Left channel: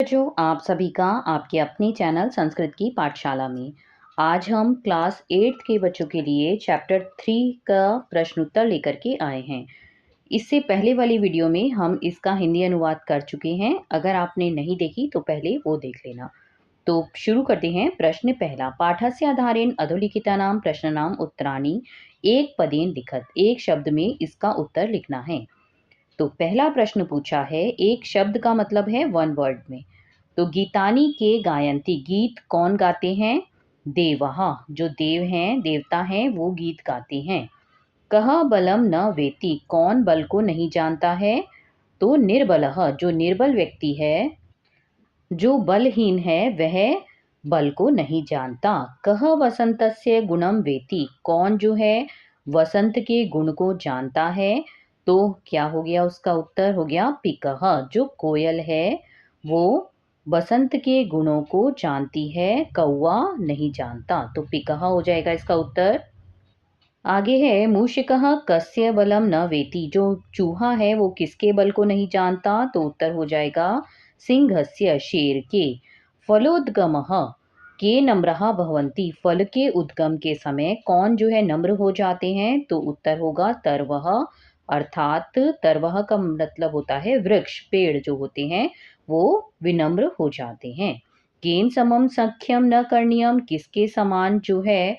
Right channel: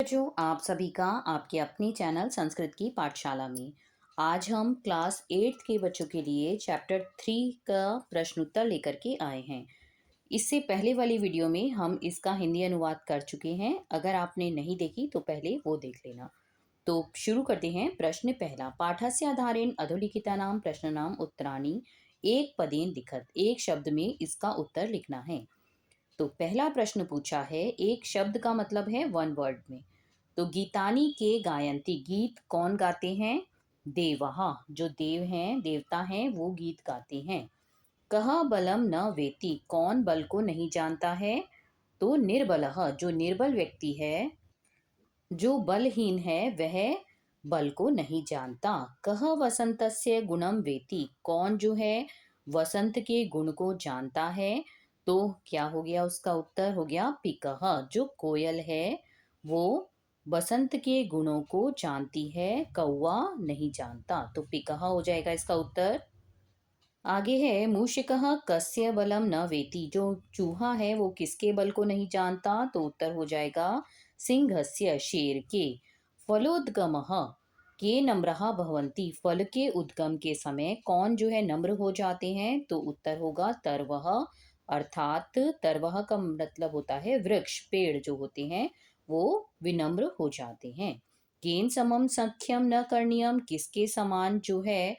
बच्चों, आप सभी का आपके अपने चैनल संस्कृत की पाठशाला में आज हम क्लास 8th के बच्चों के लिए चैप्टर 3 का प्रश्न उत्तर लेकर के आए हैं। इससे पहले वाली वीडियो में हम इसका हिंदी अनुवाद कर चुके हैं। अगर आपने नहीं देखी तो पहले वो देख लेना। तो शुरू करते हैं। प्रश्न पहला, पाठस्य आधारेण अधोलिखितानां प्रश्नानां उत्तराणि एक पदेन लिखत। एक शब्द में इसका उत्तर लिखना है। तो पहला प्रश्न पूछा है, एक शब्द का मतलब है वन वर्ड में। तो गीतानी के गायंती, गीत कौन गाते हैं? देवः, जो देव हैं, देवता हैं, वो गीत गाते हैं। कह बलम न वेति, कौन बल को नहीं जानता है? तो निर्बलः, जो निर्बल व्यक्ति है, जो बलहीन है, वह बल को नहीं जानता। कह वसंतस्य गुणम वेति, कौन जो है वसंत के गुण को जानता है? तो क्या हो गया? उसका उत्तर हो गया पिकह, जो कोयल है वो बसंत के गुणों को जानती है, कौवा नहीं जानता। तो पिकह हो जाएगा इसका उत्तर। आगे है, मूषिकः कस्य बलम न वेति, जो चूहा है वो किसके बल को नहीं जानता? तो उत्तर हो जाएगा सिंहस्य, शेर के। फलोद्गमः के नम्रः भवन्ति, फल के उद्गम के समय कौन जो है नम्र हो जाते हैं? तो उत्तर होगा तरवः, अर्थात तरवः का मतलब होता है वृक्ष, पेड़ जो होते हैं वो विनम्र हो जाते हैं। केन समम सख्यम न करणीयम, किसके समान जो है,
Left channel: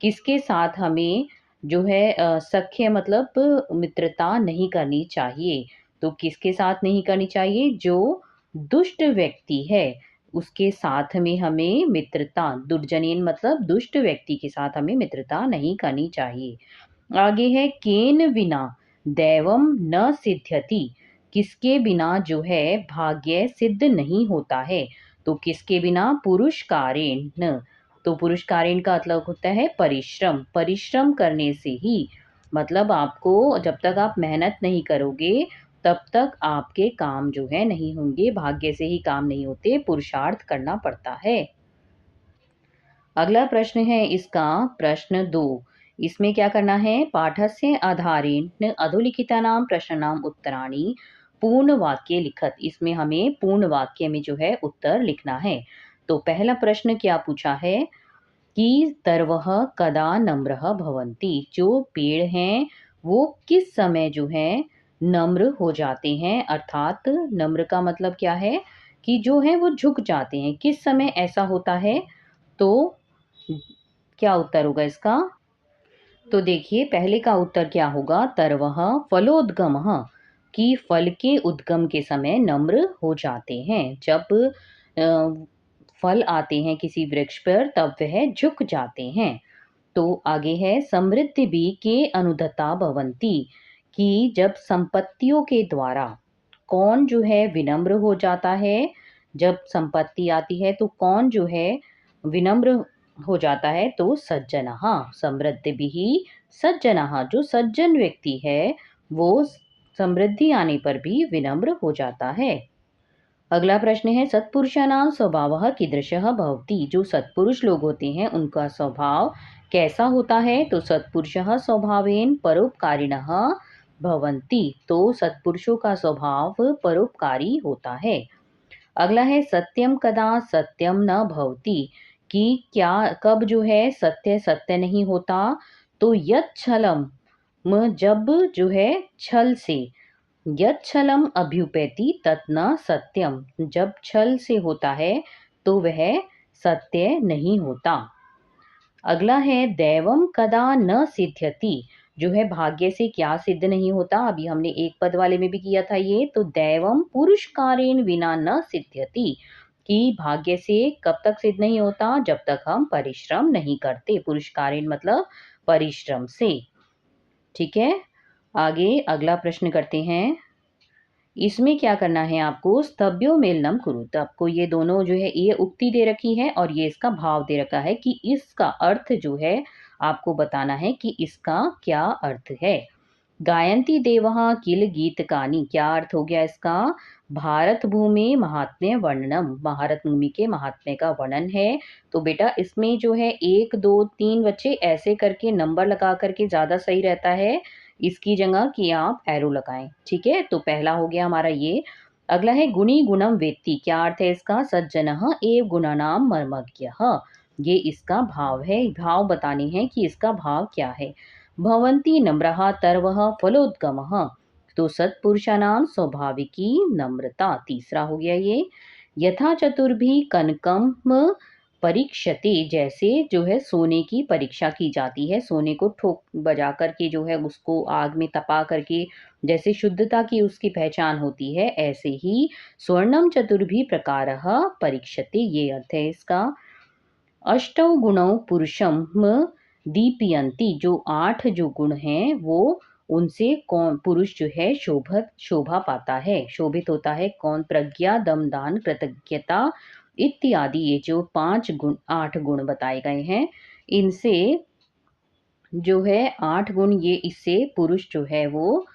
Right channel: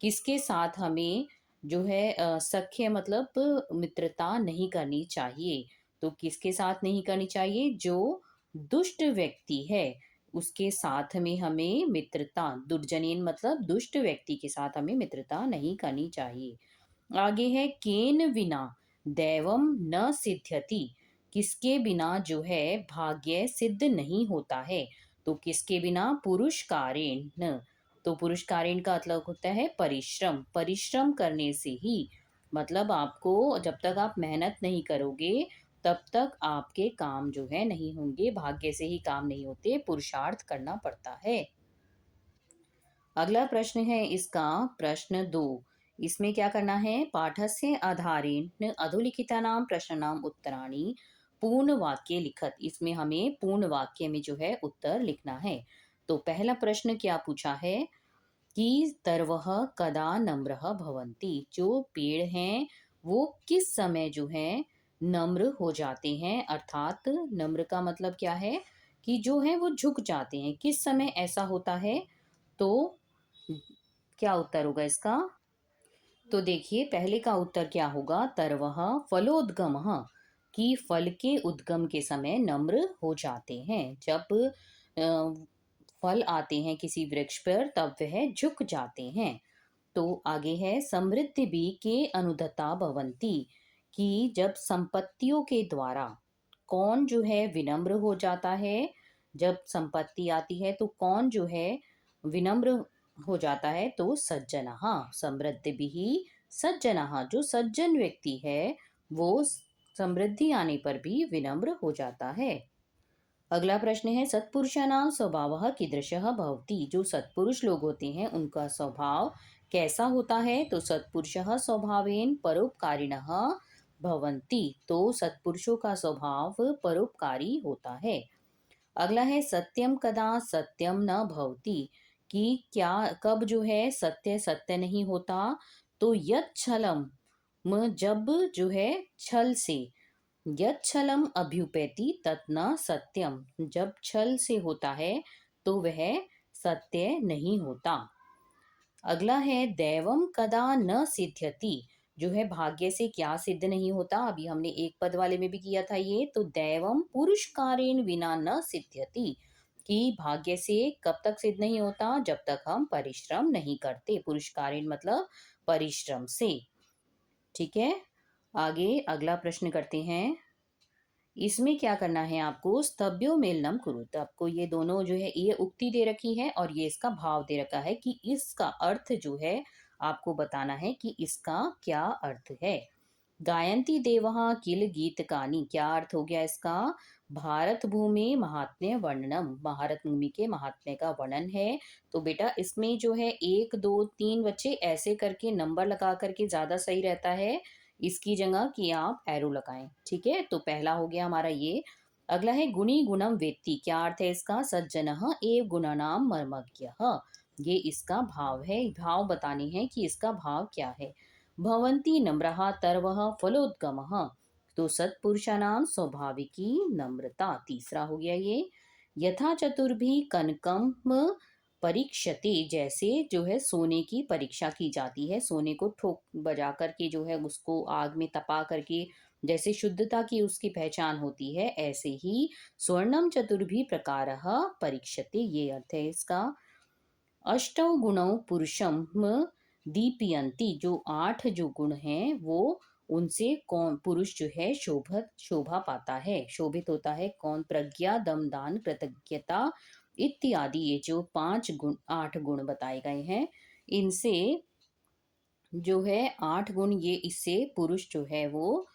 किसके साथ हमें जो है सख्य मतलब मित्रता नहीं करनी चाहिए। तो किसके साथ नहीं करनी चाहिए? जो दुष्ट व्यक्ति है उसके साथ में हमें मित्रता, दुर्जनेन मतलब दुष्ट व्यक्ति के साथ हमें मित्रता नहीं करनी चाहिए। आगे है, केन बिना दैवम न सिद्ध्यति, किसके बिना जो है भाग्य सिद्ध नहीं होता है? तो किसके बिना? पुरुषकारेण। तो पुरुषकारेण का मतलब होता है परिश्रम, परिश्रम करने से ही, मतलब आपको जब तक आप मेहनत नहीं करोगे तब तक आपके काम जो है नहीं होंगे, भाग्य से ही काम नहीं होते, पुरुषार्थ करना पड़ता है। अगला प्रश्न है इसका प्रश्न 2। इसमें क्या करना है? पाठस्य आधारेण अधोलिखितानां प्रश्नानां उत्तराणि पूर्ण वाक्य लिखत। इसमें हमें पूर्ण वाक्य में जो है उत्तर लिखना है। तो पहला प्रश्न क्या पूछा है कि तरवः कदा नम्रः भवन्ति, जो पेड़ हैं वो किस समय जो है नम्र हो जाते हैं? अर्थात नम्र का मतलब क्या है कि जो है वो झुक जाते हैं, किस समय ऐसा होता है? तो क्या उत्तर होगा इसका? तो देखिए, पहले का उत्तर क्या होगा? तरवः फलोद्गमः, कि फल के उद्गम के समय नम्र हो जाते हैं। जब फल आते हैं किसी वृक्ष पर तब वह झुक जाते हैं। तो आगे है, समृद्धि भी के अनुदता भवन्ति, कि जब संपत्तियों के द्वारा कौन जो है विनम्र हो जाता है? जब संपत्ति आती है तो कौन जो है विनम्र हो जाता है? तो सज्जनः, समृद्धि भी सज्जनः, जो सज्जन व्यक्ति है वो समृद्धि आने पर भी विनम्र हो जाता है। अगला प्रश्न है, सत्पुरुषाणां स्वभावः कीदृशः भवति, जो सत्पुरुष लोग होते हैं उनका स्वभाव कैसा होता है? तो सत्पुरुषः स्वभावेन परोपकारिणः भवन्ति, तो सत्पुरुषों का स्वभाव परोपकारी होता है। अगला है, सत्यम कदा सत्यम न भवति, कि क्या कब जो है सत्य सत्य नहीं होता? तो यच्छलम, जब जो है छल से, यच्छलम अभ्युपेति तत् न सत्यम, जब छल से होता है तो वह सत्य नहीं होता। अगला है, दैवम कदा न सिद्ध्यति, जो है भाग्य से क्या सिद्ध नहीं होता? अभी हमने एक पद वाले में भी किया था ये। तो दैवम पुरुषकारेण विना न सिद्ध्यति, कि भाग्य से कब तक सिद्ध नहीं होता? जब तक हम परिश्रम नहीं करते। पुरुषकारेण मतलब परिश्रम से। ठीक है, आगे अगला प्रश्न करते हैं। इसमें क्या करना है आपको? स्तभ्यो मेलनम कुरुत, आपको ये दोनों जो है ये उक्ति दे रखी है और ये इसका भाव दे रखा है कि इसका अर्थ जो है आपको बताना है कि इसका क्या अर्थ है। गायंती देवः किल गीतकानि, क्या अर्थ हो गया इसका? भारत भूमि महात्म्य वर्णनम, भारत भूमि के महात्म्य का वर्णन है। तो बेटा इसमें जो है 1 2 3 बच्चे ऐसे करके नंबर लगा करके ज़्यादा सही रहता है, इसकी जगह कि आप एरो लगाएं। ठीक है, तो पहला हो गया हमारा ये। अगला है गुणी गुणम वेत्ति, क्या अर्थ है इसका? सज्जनः एव गुणानां मर्मज्ञः, ये इसका भाव है, भाव बताने हैं कि इसका भाव क्या है। भवन्ति नम्राः सर्वः फलोद्गमः, तो सत्पुरुषाणाम स्वाभाविकी नम्रता, तीसरा हो गया ये। यथा चतुर्भि कनकम परीक्षते, जैसे जो है सोने की परीक्षा की जाती है, सोने को ठोक बजा करके जो है उसको आग में तपा करके जैसे शुद्धता की उसकी पहचान होती है, ऐसे ही स्वर्णम चतुर्भि प्रकारः परीक्षते, ये अर्थ है इसका। अष्टौ गुणौ पुरुषम दीपयंती, जो 8 जो गुण हैं वो उनसे कौन पुरुष जो है शोभा पाता है, शोभित होता है। कौन? प्रज्ञा, दम, दान, कृतज्ञता इत्यादि, ये जो 5 गुण 8 गुण बताए गए हैं, इनसे जो है 8 गुण, ये इससे पुरुष जो है वो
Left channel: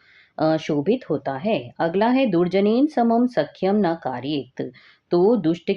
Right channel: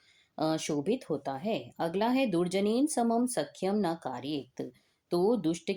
शोभित होता है। अगला है दुर्जनेन समम सख्यम न कार्येत, तो दुष्ट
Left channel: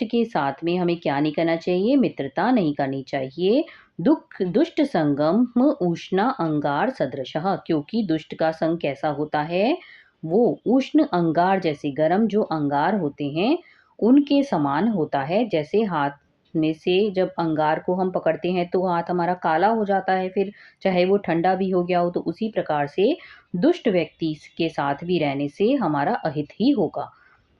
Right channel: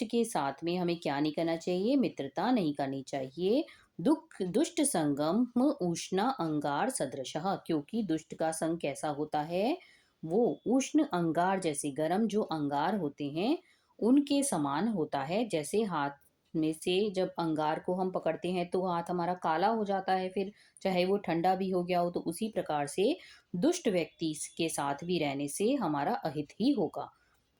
के साथ में हमें क्या नहीं करना चाहिए? मित्रता नहीं करनी चाहिए। दुष्ट संगम उष्णा अंगार सदृशः, क्योंकि दुष्ट का संग कैसा होता है? वो उष्ण अंगार जैसे, गर्म जो अंगार होते हैं उनके समान होता है। जैसे हाथ में से जब अंगार को हम पकड़ते हैं तो हाथ हमारा काला हो जाता है, फिर चाहे वो ठंडा भी हो गया हो, तो उसी प्रकार से दुष्ट व्यक्ति के साथ भी रहने से हमारा अहित ही होगा।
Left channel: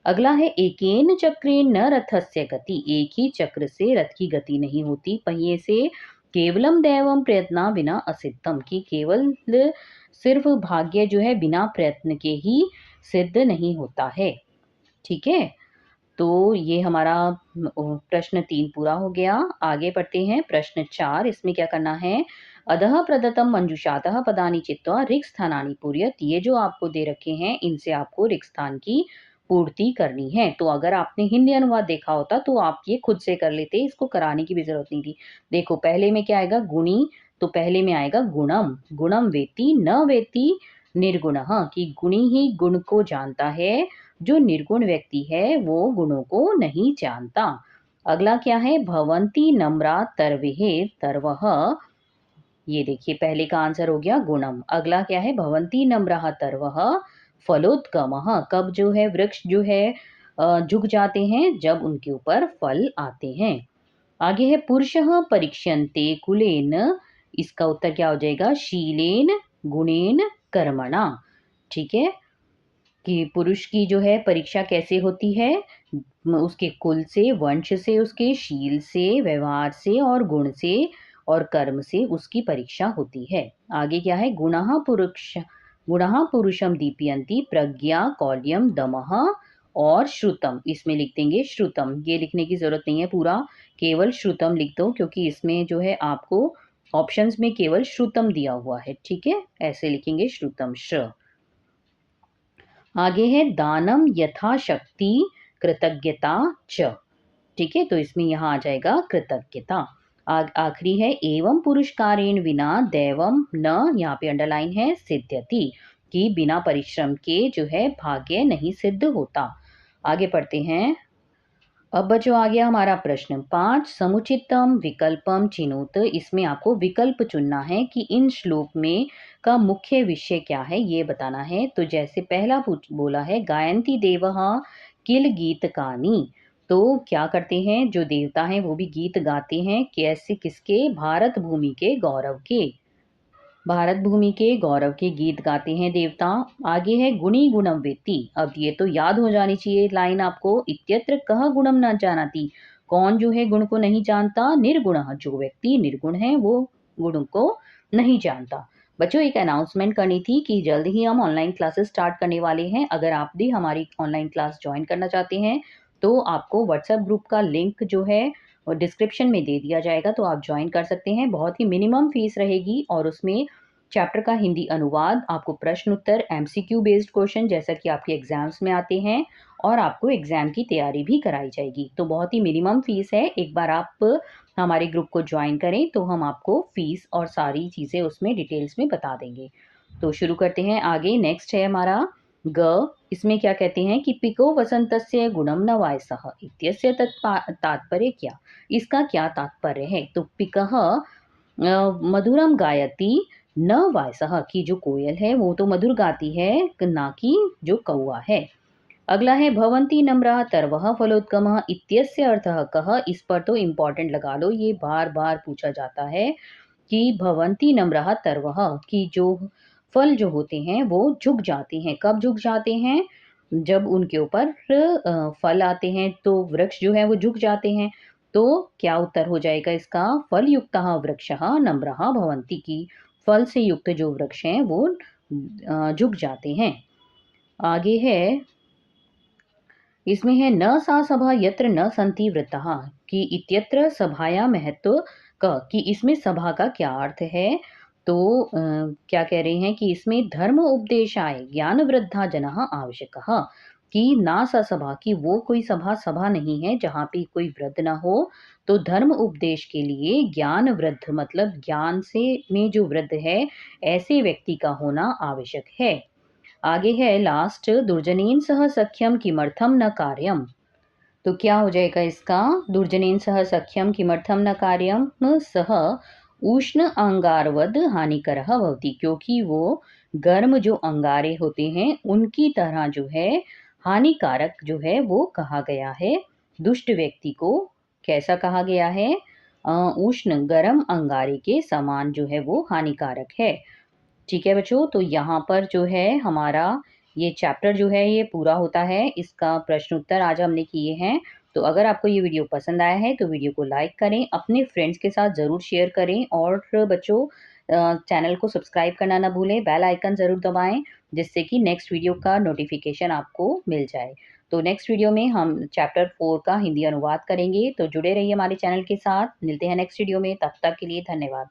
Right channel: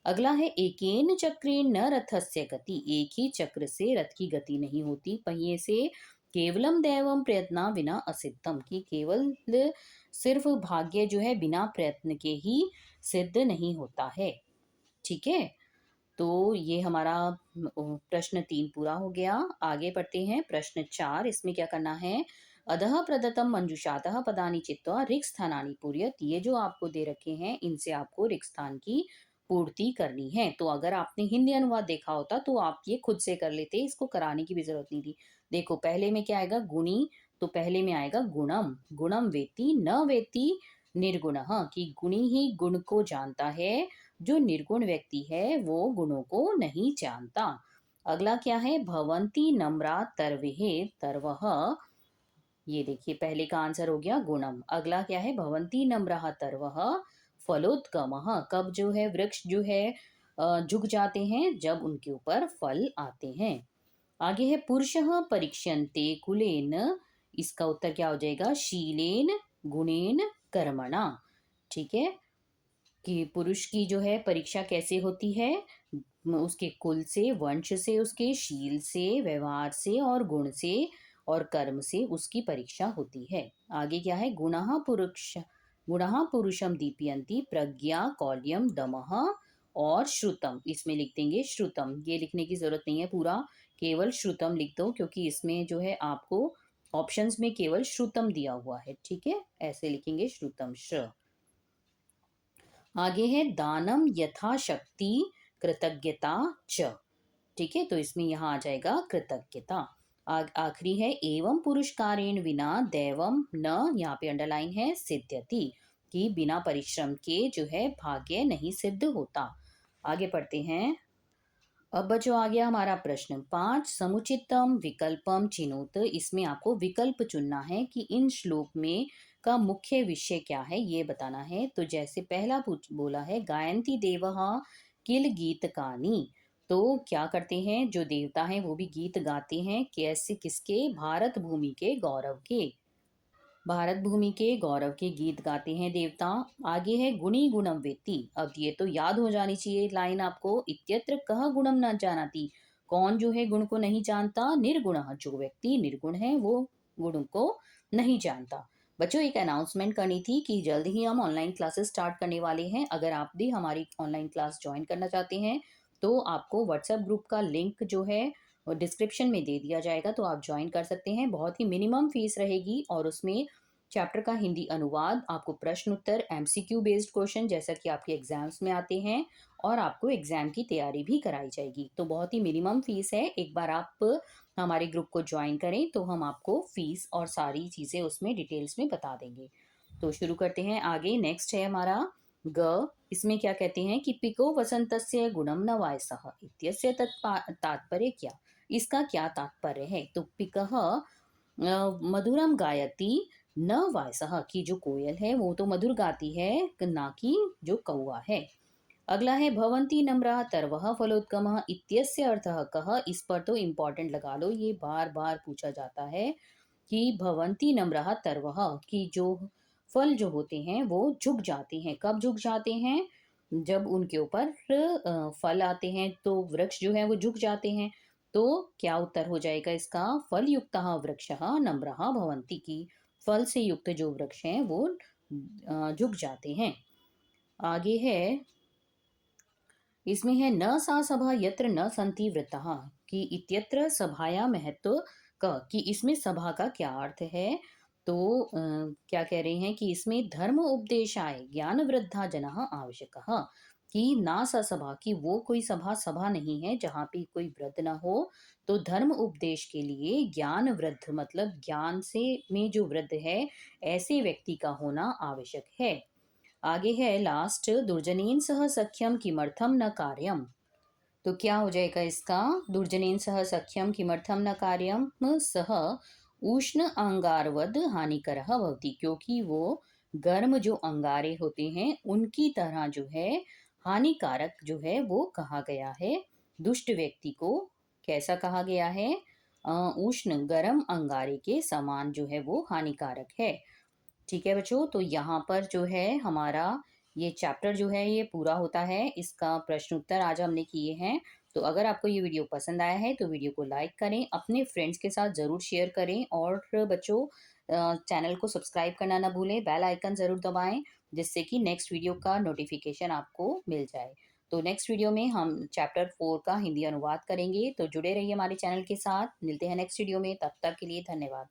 अगला है एकेन चक्रेण न रथस्य गति, एक ही चक्र से रथ की गति नहीं होती, पहिए से। केवलम दैवम प्रयत्ना बिना असिद्धम, की केवल सिर्फ भाग्य जो है बिना प्रयत्न के ही सिद्ध नहीं होता है। ठीक है, तो ये हमारा प्रश्न 3 पूरा हो गया। आगे बढ़ते हैं प्रश्न 4, इसमें क्या करना है? अधः प्रदत्तम मंजुषातः पदानि चित्वा ऋक् स्थानानि पूरयत, ये जो आपको दे रखे हैं इनसे आपको ऋक् स्थान की पूर्ति करनी है। तो अगर आपने हिंदी अनुवाद देखा होता तो आप ये खुद से कर लेते, इसको कराने की भी जरूरत नहीं थी। देखो पहले में क्या आएगा? गुणी, तो पहले में आएगा गुणम, गुणम वेत्ति न वेत्ति निर्गुणः, कि गुणी ही गुण को जानता है, जो निर्गुण व्यक्ति है वो गुणों को नहीं जानता। अगला क्या है? भवन्ति नम्रा तरवेहे तरवः, ये देखिए पहले का आंसर हो गया गुणम। अगला क्या है? भवन्ति नम्राः तरवः फलोद्गमः, कब जो है वृक्ष जो है झुक जाते हैं? जब उनके ऊपर फल आते हैं। आगे है पुरुषः परीक्ष्यन्ते कुलेन, इसका उत्तर क्या हो जाएगा? शीलेन गुणेन कर्मणा। ठीक है, कि पुरुष की जो है परीक्षा कैसे होती है? उसके कुल से, वंश से, उसके शील से, व्यवहार से और गुण से और कर्म से उसकी परीक्षा होती है। आगे क्या है? गुणः पुरुषम दीपयन्ति प्रज्ञा, कौल्यम, दमः और श्रुतम, इसमें लिख देंगे श्रुतम, ये लिखने की जरूरत नहीं है पूरा, केवल श्रुतम लिख दो, क्योंकि इसमें जो है आपको ऑप्शंस में केवल श्रुतम दिया हुआ है। ठीक है, ऐसे लिखेंगे श्रुतम श्र। आगे है दानम यथाशक्ति कृतज्ञता च, ठीक है, तो इसमें यहाँ आ जाएगा कृतज्ञता। आखिरी है एवं पुरुषकारेण बिना दैवम न, यहाँ पे अंडरलाइन है, सिद्ध्यति, कि बिना परिश्रम के जो है भाग्य नहीं सिद्ध होता। आगे पढ़ते हैं। अब बच्चों आ गया हमारा प्रश्न 5, समुचितम विकल्पम चिनोत, इसमें आपको विकल्प चुनना है कि इन श्लोक में का मुख्य विषय क्या है ये बताना है। तो जैसे पहला बोला है गायंती देवः किल गीतकानि, तो क्या करते हैं जो देवता हैं वो भी गीत गाते हैं, कैसे? किसके? भारत भूमि के गौरव के, भारत भूमि के गौरव के गीत गाते हैं देवता। आगे है गुणी गुणम वेत्ति, अब ये तो याद हो जानी चाहिए लाइन आपको, इत्यत्र कह गुणम न जानाति, कौन जो है गुण को नहीं जानता? निर्गुणः, जो व्यक्ति निर्गुण है वो गुण को नहीं जानता। बच्चों एक अनाउंसमेंट करनी थी कि जल्द ही हम ऑनलाइन क्लासेस स्टार्ट करने वाले हैं। अगर आप भी हमारी ऑनलाइन क्लास ज्वाइन करना चाहते हैं तो आपको व्हाट्सएप ग्रुप का लिंक जो है डिस्क्रिप्शन में दे दिया जाएगा, तो आप ज्वाइन कर सकते हैं। बहुत ही मिनिमम फीस रहेगी और उसमें चैप्टर का हिंदी अनुवाद, आपको प्रश्न उत्तर, एमसीक्यू बेस्ड क्वेश्चन जैसा कि आपके एग्जाम्स में आते हैं, और आपको एग्जाम की तैयारी भी कराई जाएगी। तो बहुत ही मिनिमम फीस है, एक बार आप हमारे ग्रुप को ज्वाइन करें तो हम आपको फीस और सारी चीज़ें उसमें डिटेल्स में बता देंगे। तो शुरू करते हैं आगे। नेक्स्ट है हमारा ग, इसमें क्या कहते हैं कि पिको वसंतस्य गुणम न वायसः इत्यस्य तात्पर्य क्या, इसका क्या तात्पर्य है? तो पिकः मधुरम गायति न वायसः कि जो कोयल है वो तो मधुर गाती है, ना कि जो कौवा है। अगला है भवन्ति नम्राः तरवः फलोद्गमः इत्यस्य अर्थः कः? इस पर तो इम्पोर्टेंट लगा लो, ये बार-बार पूछा जाता है कि भवन्ति नम्राः तरवः कि जो फल जो होते हैं वो झुक जाते हैं। कब झुक जाते हैं? जब उनके ऊपर फल आते हैं तो वृक्ष जो है वो झुक जाते हैं। तो क्या उत्तर हो जाएगा इसका? फलयुक्तः वृक्षः नम्रः भवन्ति कि फल से युक्त जो वृक्ष हैं वो झुक जाते हैं। आगे है, इसमें है न सा सभा यत्र न सन्ति वृत्तः कि इत्यत्र सभाया महत्व कि इसमें सभा का क्या अर्थ है? तो क्या कह रहे हैं कि इसमें धर्म उपदेशाय ज्ञान वृद्धा जनः आवश्यकः कि ना सा सभा कि वो कोई सभा नहीं है जहाँ पे कोई वृद्ध ना हो। तो धर्म उपदेश के लिए ज्ञान वृद्ध मतलब ज्ञान से में जो वृद्ध है ऐसे व्यक्ति का होना आवश्यक है। आगे है लास्ट, दुर्जनेन सह सख्यम किमर्थम न कार्यम। तो क्या हो जाएगा इसका? दुर्जनेन सह सख्यम किमर्थम न कार्यम सह उष्ण अंगारवद हानिकरः भवति क्योंकि वो गर्म जो अंगारे होते हैं उनकी तरह जो है हानिकारक जो है वो कहा गया है। दुष्ट व्यक्ति को कैसा कहा गया है? उष्ण गर्म अंगारे के समान जो है वो हानिकारक है। ठीक है बच्चों, तो यहाँ पर जो है हमारा ये चैप्टर जो है ये पूरा होता है। इसका प्रश्न उत्तर आज हमने किए हैं। तो अगर आपको ये वीडियो पसंद आया है तो वीडियो को लाइक करें, अपने फ्रेंड्स के साथ ज़रूर शेयर करें और बच्चों चैनल को सब्सक्राइब करना ना भूलें, बेल आइकन ज़रूर दबाएं जिससे कि नेक्स्ट वीडियो का नोटिफिकेशन आपको मिल जाए। तो नेक्स्ट वीडियो में हम चैप्टर 4 का हिंदी अनुवाद करेंगे। तो जुड़े रहिए हमारे चैनल के साथ। मिलते हैं नेक्स्ट वीडियो में, तब तक के लिए धन्यवाद।